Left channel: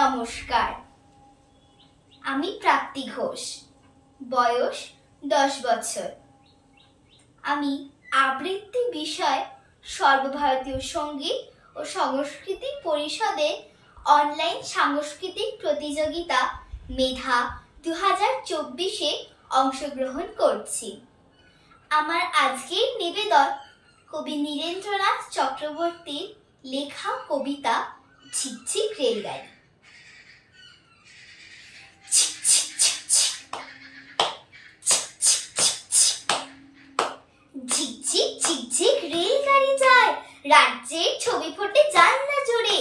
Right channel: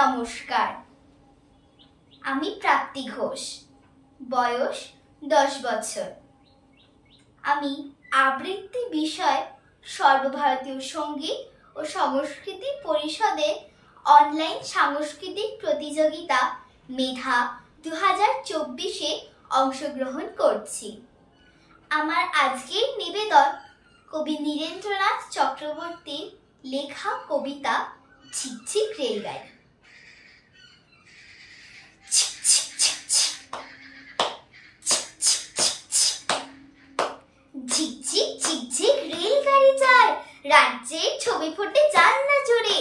নমস্কার, আমি প্রাপ্তি ঘোষ, বয়স 10 বছর। আমি আবৃত্তি বিষয় সর্বভারতীয় সঙ্গীত ও সংস্কৃতি পরিষদের অনলাইন সাংস্কৃতিক প্রতিযোগিতা মেধা 2024-এ অংশগ্রহণ করছি। আমার আজকের নিবেদন কবি নীরেন্দ্রনাথ চক্রবর্তীর লেখা কবিতা ঝিকঝিক রেলগাড়ি। ঝিকঝিক ঝিকঝিক রেলগাড়ি যায়, রাজ্যের ছবি ফোটে জানলা জুড়ে।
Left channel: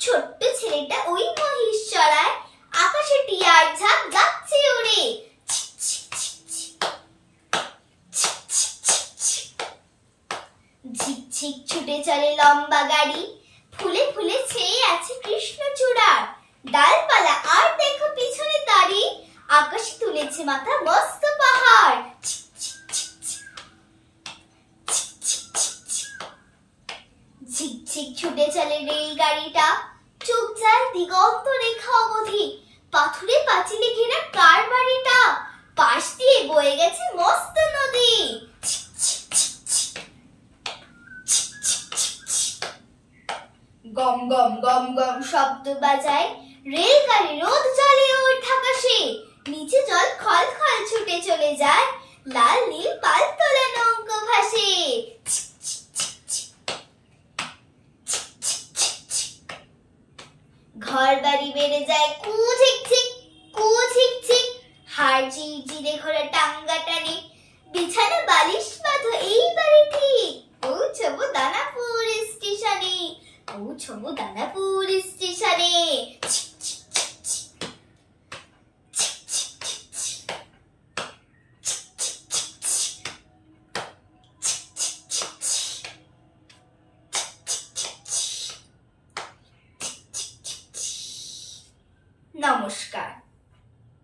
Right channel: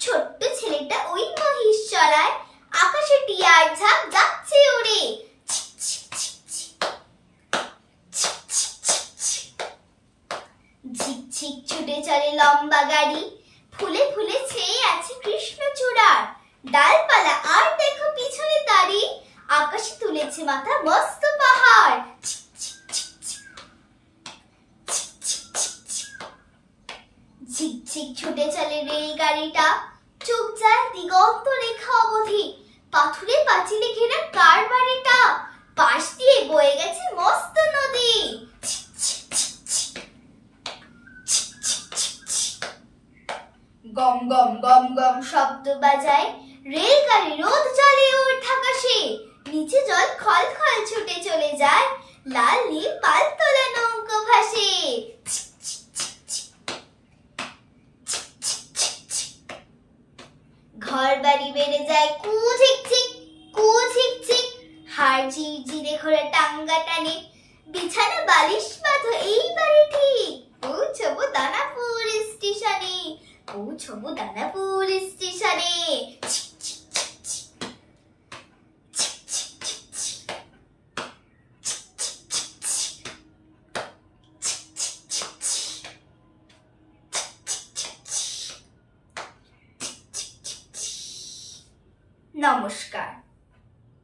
ছোট্ট ছেলেটা ওই মহিষ চড়ায়, আকাশে টিয়ার ঝাঁক যাচ্ছে উড়ে। ঝিকঝিক ছুটে চলে লম্বা গাড়ি, ফুলে ফুলে ছেয়ে আছে কৃষ্ণচূড়ার ডালপালা। আর দেখো পিছনে দাঁড়ি, আকাশে তুলেছে মাথা মস্ত পাহাড়। ঝিকঝিক ছুটে চলে রেলগাড়িটা, চোখ যায় দিগন্ত রেখা অবধি। পাথুরে পাঁচিলে ঘেরা কার বাড়িটা, পাশ দিয়ে বয়ে গেছে মস্ত নদী। গম গম গম গম শব্দ বাজায়, রেলগাড়ি রোদ জ্বলে ওঠ আকাশে। নিচে জল খল খল ছুটে চলে যায়, লাল নীল পাল তোলা নৌকো ভাসে। ঘর বাড়ি বেড়ে যায় কু ঝিকঝিক কু ঝিকঝিক, হাড় ঝিরঝিরে ঘোরা টাঙ্গা টানে। বিছানা বালিশ বাঁধো এইবারে ঠিক, পৌঁছবো দানাপুর স্টেশনে, পৌঁছবো দানাপুর স্টেশনে। নমস্কার।